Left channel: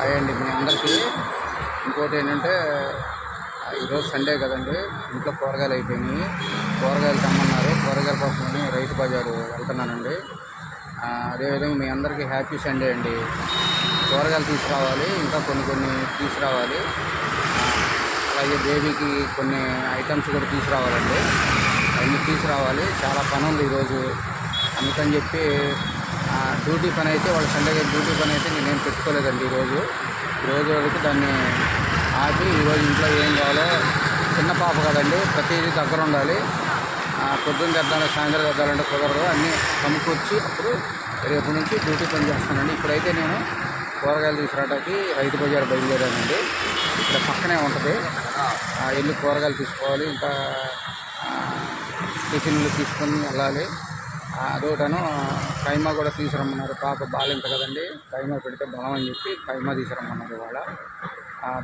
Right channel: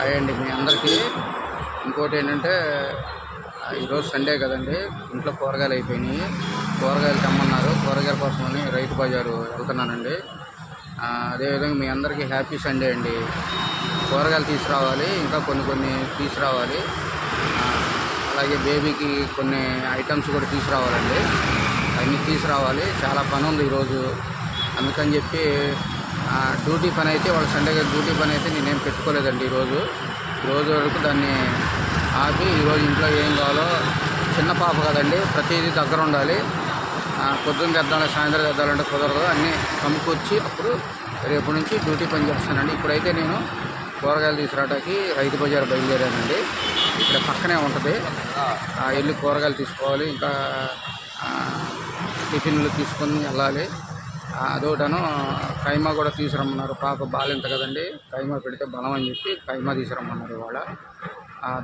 అయ్యండి మీ అందరికీ. ఇంకోటి ఏంటంటే ఈరోజు సండే కదండి. ఇంట్లో కూరగాయలు అయిపోయినాయి. కూరగాయలు తెమ్మన్నారు. కూరగాయల కోసమని రైతు బజారు వెళ్తున్నానండి. అదేవిధంగా మీ అందరికీ హ్యాపీ సండే అండి. కూరగాయలు తీసుకురావాలి ఇంకా కొన్ని కొన్ని తీసుకురావాలి. అలాగే బేబీకి కొన్ని ఐటమ్స్ కూడా తీసుకురావాలండి. అవన్నీ తీసుకురావాలి. చాలా పని ఉంది ఈరోజు. అందుకని చెప్పి డ్యూటీ పని అయితే వాళ్ళ సండే గారి డ్యూటీ పని అయితే నేనేం పెట్టుకోలేదండి ఈరోజు. ఈరోజు వరకు దాన్ని ఆపి ఈరోజు ఇంట్లో ఏం కావాలో చిన్న పాప కదండి ప్రతిదీ దగ్గర ఉండాలి. పొద్దున్న తెద్దాలి సాయంత్రం తెద్దాలంటే కుదరదు. అన్నీ సమకూర్చి అప్పుడు రేపు నుంచి డ్యూటీ పని చేస్తానండి. ఇప్పుడైతే నేను కూరగాయలు తీసుకురావడానికి రైతు బజార్ బయలుదేరానండి. ఇక్కడ పక్కనే ఉంటుంది. వెళ్ళి కూరగాయలు తీసుకోవాలి. ఇంకా టిఫిన్లు తీసుకొని వెళ్ళాలి. అదొకటను కైమా కూడా తీసుకురమ్మన్నారు. పాప బాలింత కదండి. కైమా పెడితే బలం అని చెప్పి కైమా తీసుకురమ్మన్నారు ఇవాళ.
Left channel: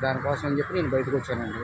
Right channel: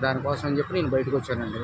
దానికోసం అని చెప్పి నేను బయటకు వచ్చానండి.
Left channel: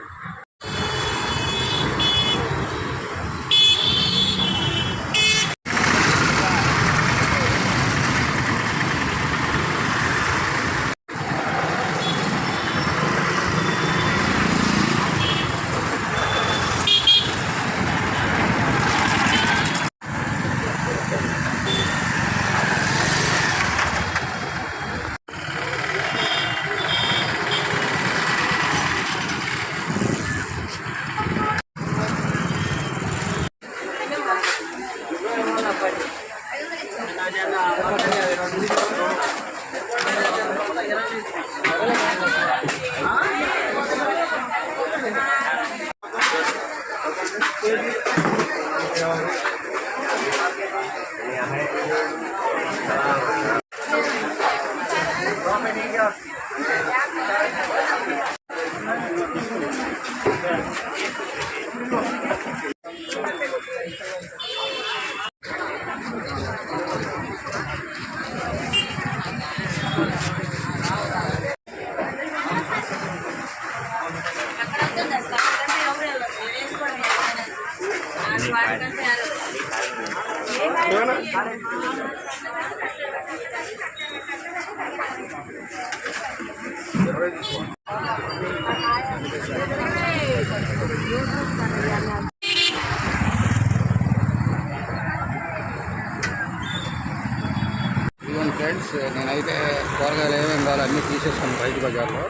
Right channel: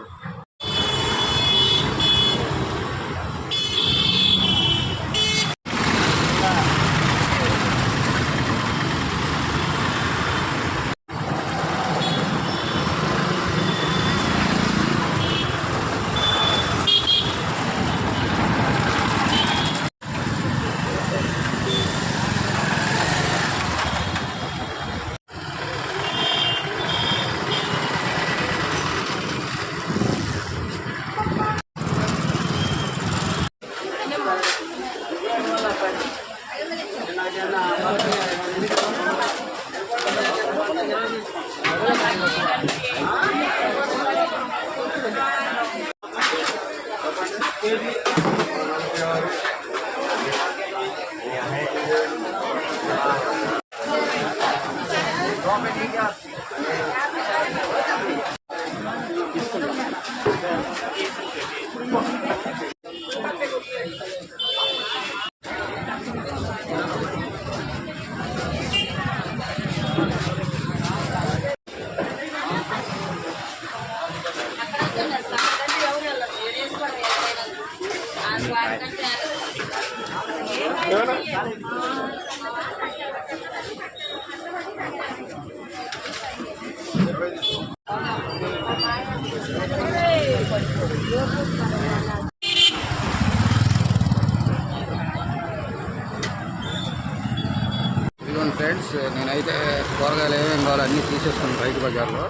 ఫ్రెండ్స్ నేనైతే కూరగాయలు ఏమేమి కావాలో అన్నీ తీసేసుకున్నాను రైతు బజార్లో.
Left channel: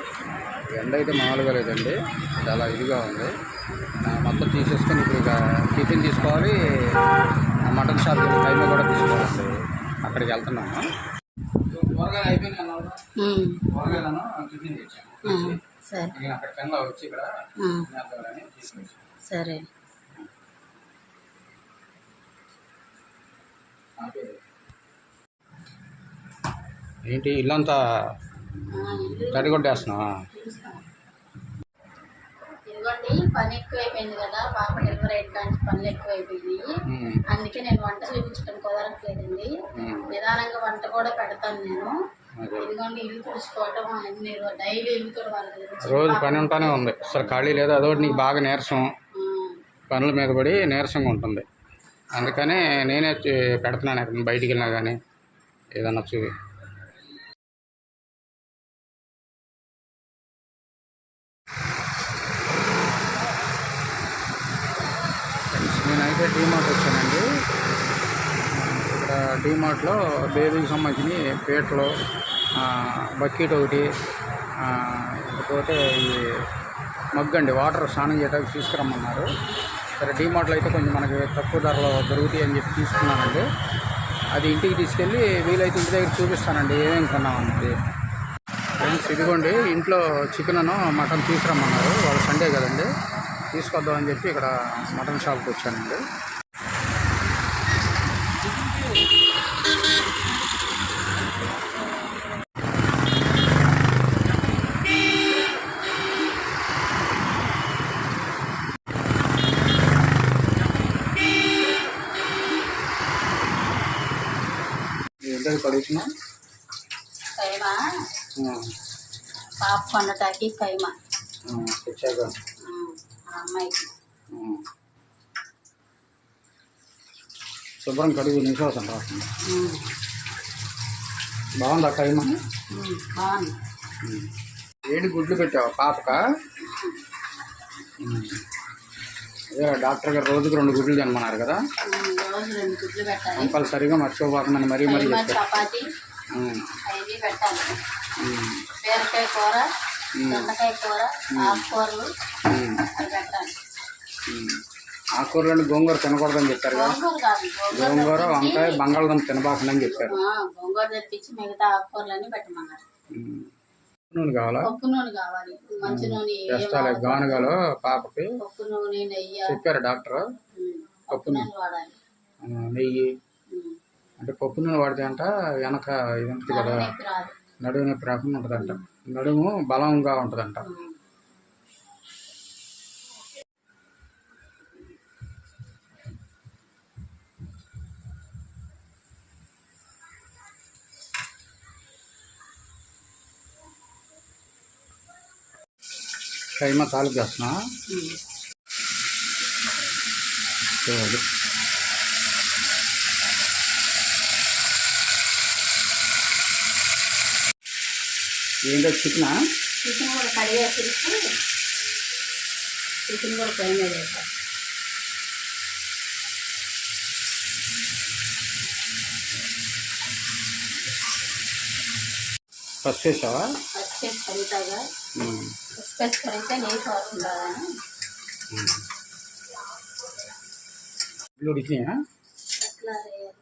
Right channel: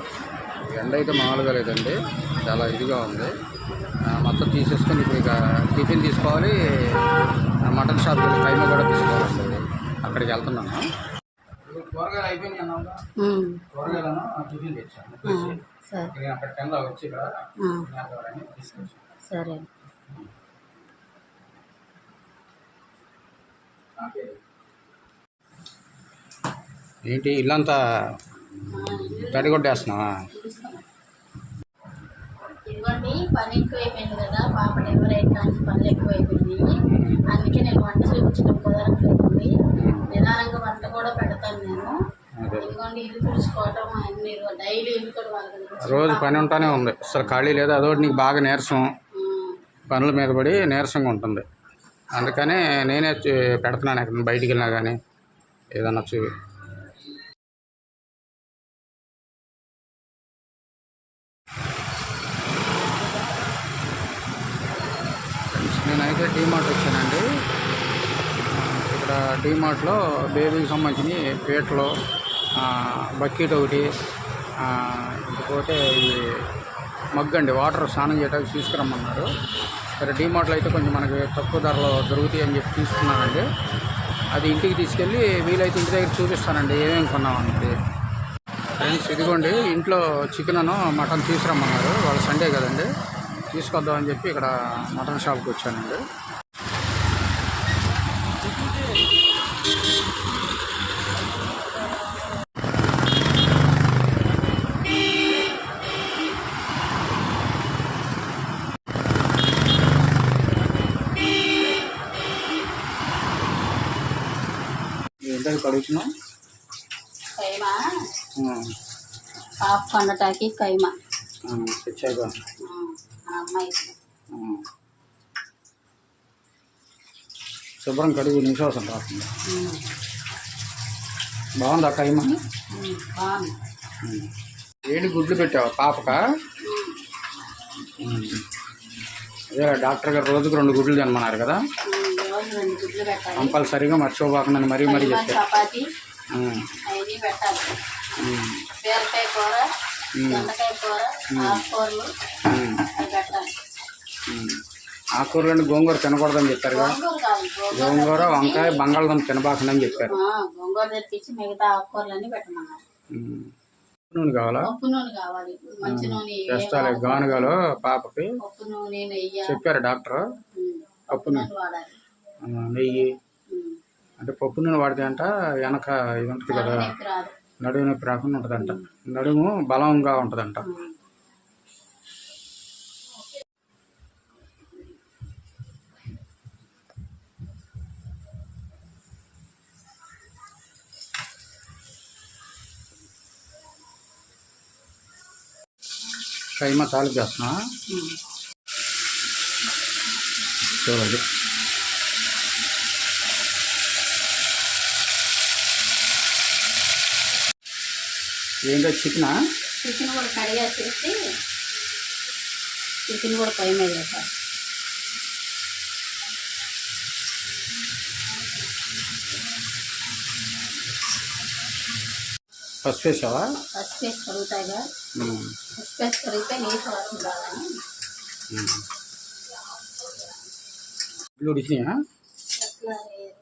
ఎండ అయితే మామూలుగా లేదండి. చాలా ఇదిగా ఉంది. మొత్తం తీసేసుకొని ఇప్పుడు ఇక టిఫిన్ తీసుకోవాలి. మటన్ షాప్కి వెళ్ళి కైమా కూడా తీసుకోవాలండి అక్కడికి వెళ్తున్నాను. కూరగాయలు అయిపోయినాయి కూరగాయలను టిఫిన్ తెచ్చాను. అక్కడ వచ్చి ఇక్కడ తీసుకొచ్చాను. సరే. ఏంటి ఇల్లంతా తడిగొట్టేస్తున్నావా? ఇదిగోండి పని ఎక్కువైపోయింది కదా పాప డెలివరీ అయిన కానీ పనులు ఎక్కువైపోయినాయి. అందుకే నేను వంట చూపించడం కుదరట్లేదండి. నిదానంగా వంట కూడా పెడతాను నేను. అదే. ఇదిగోండి ఇల్లు తుడుచుకోవటం అన్ని డైలీ ఇల్లు కూడా రోజు పని ఉంటానే ఉంది. అసలు ఖాళీ లేదు. అదొకటి నీకు బాగా నీరసం. పనుల మీద పడి నీరసంగా ఉంటుంది. అందుకనే నేనే పెడుతున్నాను ఎక్కడ బయటికి వెళ్ళినా కానీ ఏదన్నా చూ ఫ్రెండ్స్ నేనైతే డీమార్ట్ వచ్చానండి ఆ, ఇక్కడ డీమార్ట్లో బేబీకి సంబంధించిన పీటలు బకెట్ ఒకటి ఇకపోతే ఈ మగ్గండి అండి వాటర్ స్నానం చేయడానికి తీసుకురమ్మన్నారు. సరే డీమార్ట్లో అయితే కొంచెం మనకి తక్కువ ధరలో దొరుకుతాయి అని చెప్పి తీసుకున్నానండి అది ఇంటికి తీసుకెళ్ళి వీలైతే ఇంటి దగ్గర చూపిస్తానండి ఏమేమి కొన్నామన్నది ఫ్రెండ్స్ ఇదిగోండి ఇంట్లో చికెన్ మటన్ తీసుకురమ్మన్నారు. వాళ్ళ సండే కదండి. తీసుకొద్దామని చెప్పి ఇక్కడ మటన్ షాప్కి వచ్చానండి. ఏంటది కడుగుతున్నా కైమా పాప కైమా తెచ్చాక. ఆ. శుభ్రం కడుగు నిశ్వాసం రాకుండా. బాగుందా కైమా. ఏడు గుడ్లు పెట్టావు పాపక? అదే డాక్టర్ గారు రోజుకు రెండు గుడ్లు తినమన్నారు కదా? రోజు రెండు గుడ్లు పెట్టాలి కంపల్సరీగా మర్చిపోకుండా మరీ మరీ చపాతి అవన్నీ పెట్టాలి. బీరకాయ కూర దొండకాయ కూర ఆకుకూరలు ఉమ్, అవి పెట్టాలి. ఉమ్. ఆకుకూరలు గోంగూర తినకూడదని చెప్పారు కదా? గోంగూర వంకాయ బంగాళదుంప తినబాకండి చెప్పారు. ఆ, గోంగూర తెప్పించి మిగతా ఆకుకూరలన్నీ పెట్టమన్నారు. ఉమ్. నూనె కావాలా? పప్పు నూనె కావాలి. మంచి నూనె. గానుగాలు పాపకి చెప్పారు డాక్టర్. పప్పు నూనె వాడాలి. నెయ్యి అంటే పప్పు నూనె వాడితే అంట వెనక ఇది ఉంటుంది కదా నడుము నొప్పి రాకుండా ఉంటుందంట నడుము బలంగా ఉంటుందంట. కైమా తాలింపు చేస్తున్నా. చూడండి ఏంటో చికెనా చికెన్ కూడా కడిగేసేసి చికెన్ కూడా మీద వేసాలి ఫస్ట్ వేసావా ఫస్ట్ వేసి కడుగుతాగా. ఫస్ట్ వేసి కడిగితే వాసన. ఇల్లు ఉడికినాయా ఎట్లా వేయాలి?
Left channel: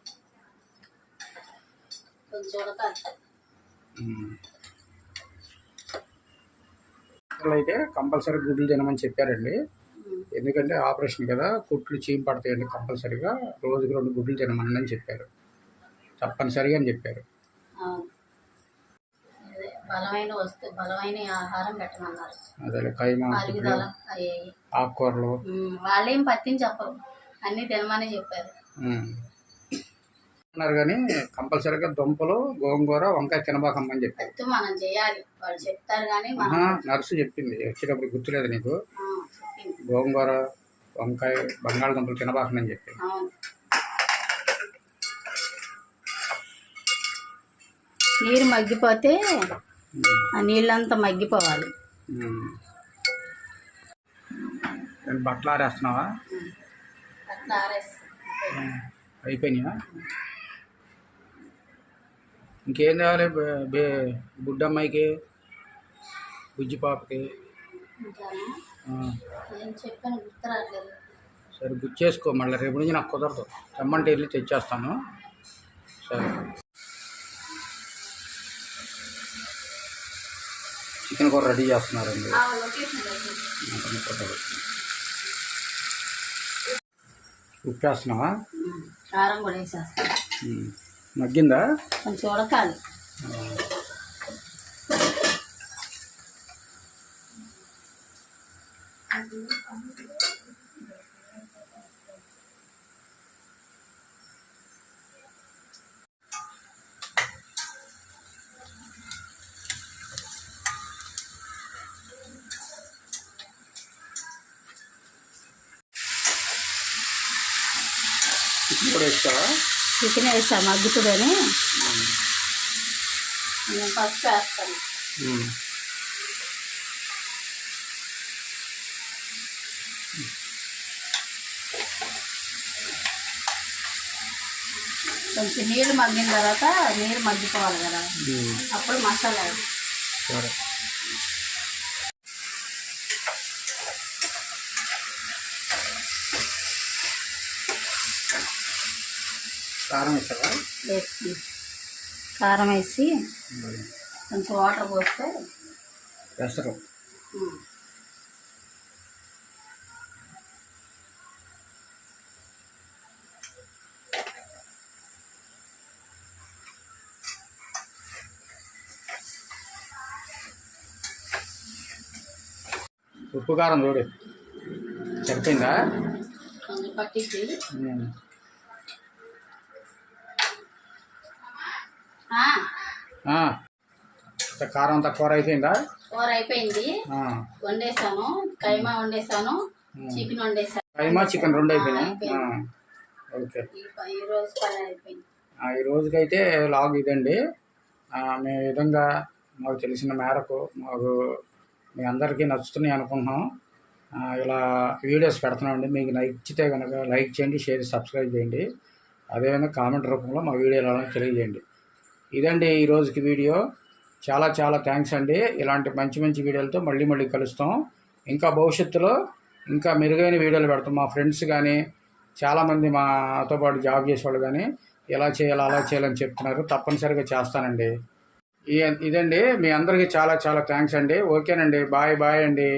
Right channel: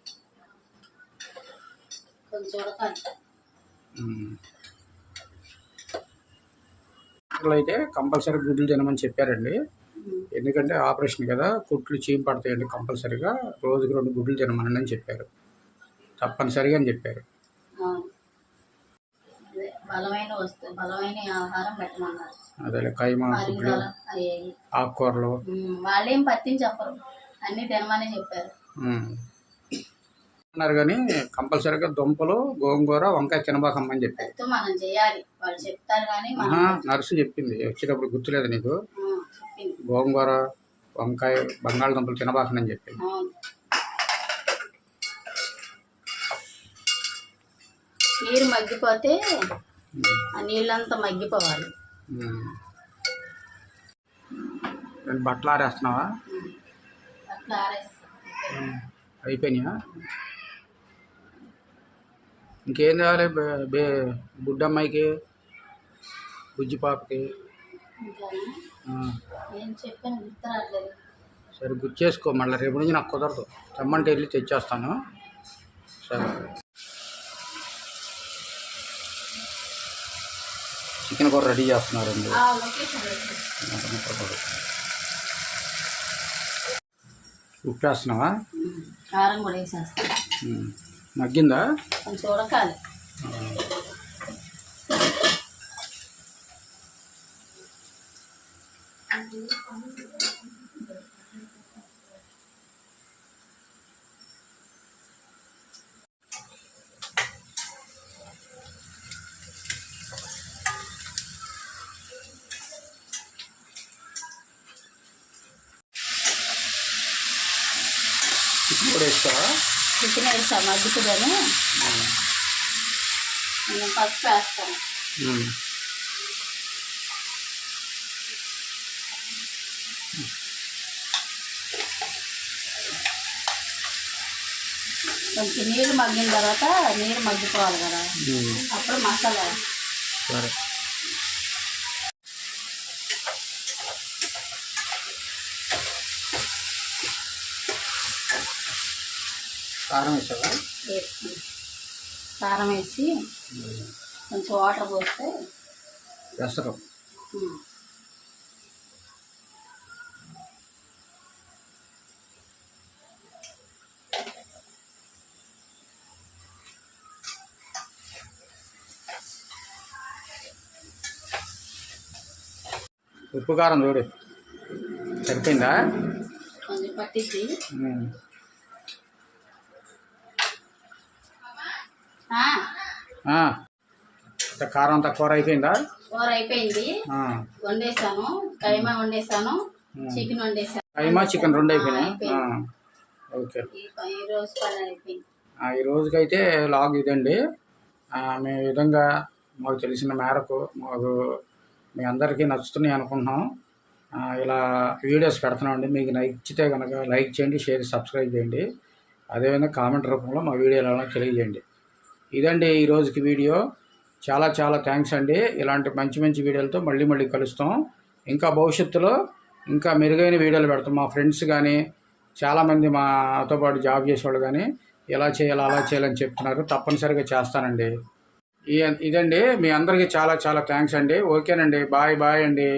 కొంచెం ఉడకాలి ఉమ్. డాక్టర్లు అయితే కంపల్సరీ గుడ్లు తినమని చెప్పారండి. ఎందుకంటే ఆపరేషన్ కదా కుట్లు చీమ పడతాయండి కంపల్సరీగా. రోజుకి రెండు గుడ్లు తినమని అని చెప్పారు. తప్పనిసరిగా అని చెప్పారు. బలమైన వస్తువు బలమైన ఆహారం పెట్టమన్నారు. అదే కైమా ఆకుకూరలు. వాళ్ళేం పత్తిని చెప్పరు. అన్నీ తినమని చెప్పారు. అన్నారు కానీ కంపల్సరీగా దుంపలు గోంగూర వంకాయ తినబాకమ్మని చెప్పారు పత్తు మనం చేయాలి. వాళ్ళు చెప్తారు కానీ మనం ఆహా, నర్సు చెప్పింది. వచ్చేటప్పుడు గుర్తులేదు నీకు? గోంగూర వంకాయ బంగాళదుంపలు తినబాకనని చెప్పింది అవును. నీరు మగ్గిపోతే ఆ నీళ్ళంతా మగ్గిపోవాలి. బట్టలు ఆరేస్తున్నావా. అయిపోయినాయా? ఇంకేం కావాలి బే- బుడ్డమ్మాయికి బుజ్జి పాపకి. సరే గుర్తు చేసుకో మళ్ళీ రేపు నుంచి నాకు కుదరదు. తెమ్మంటే వెళ్ళి తెచ్చేస్తాను. సరే. చికెన్ కూర రెడీ చేస్తున్నారండి. ఉప్పు వేస్తున్నావా. కారం కూడా వేసేస్తాను. మగ్గిందా? కొంచెం ఉడకాలి. కూడా వేస్తావా? చికెన్ వేసా మగ్గుతుందని నేను పసుపు వేస్తాను. కొంచెం నీళ్ళు మగ్గిన తర్వాత నీరు మగ్గిపోవాలి కదా. అప్పుడు మసాలా. సరే కారం వేసావా? వేసి కారం వేసి కొంచెం వాటర్ పోస్తే పెసరు ఉప్పు కారం చూడు సరిపోయిందా? కొంచెం పట్టించి ఉమ్. ఆ, ఆ. అంత కారం అంతా కూర అయిపోయిందా? కూర అయిపోయింది. వండేసాను కైమా వండేసాను. చికెన్ వండేసాను కైమా చికెన్ రెండు అయిపోయినాయి. ఓకే. ఈ ప- ఈ రోజు పని అయిపోయింది. ఆ, ఈ రోజుకైతే లాగ్ ఇదండి. మేము విధంగా మాకు తెలిసిన మేరకు మాకు మీ అందరికీ నచ్చుతున్నాయి అనుకుంటున్నాం. ఇలా వీడియోస్ పెడుతున్నామండి. మీకు నచ్చితే కనుక లైక్ చేయండి షేర్ సబ్స్క్రైబ్ చేయండి. అదేవిధంగా కామెంట్ రూపంలో మా వీడియోలు తెలియజేయండి. ఇదండి ఈ రోజుకి వీడియో. చాలా చాలా థ్యాంక్స్ అండి. ఇలాంటి మంచి మంచి వీడియోలతో మళ్ళీ మళ్ళీ కలుస్తాం. ఇంకా భవిష్యత్తులో ఇంకా మెరుగైన వీడియోలు పెడతాం. మా ఫ్రెండ్స్ కానీ చాలామంది మాతో పాటు జాబ్ చేసేవాళ్ళు కానీ ఎలా చేయాలి అలా చేయాలని చెప్తున్నారు. తప్పనిసరిగా చేస్తానండి. ఇదండి మీ అందరికీ చాలా చాలా థ్యాంక్స్ అండి. ఓకేనండి. బాయ్ బాయ్ అండి.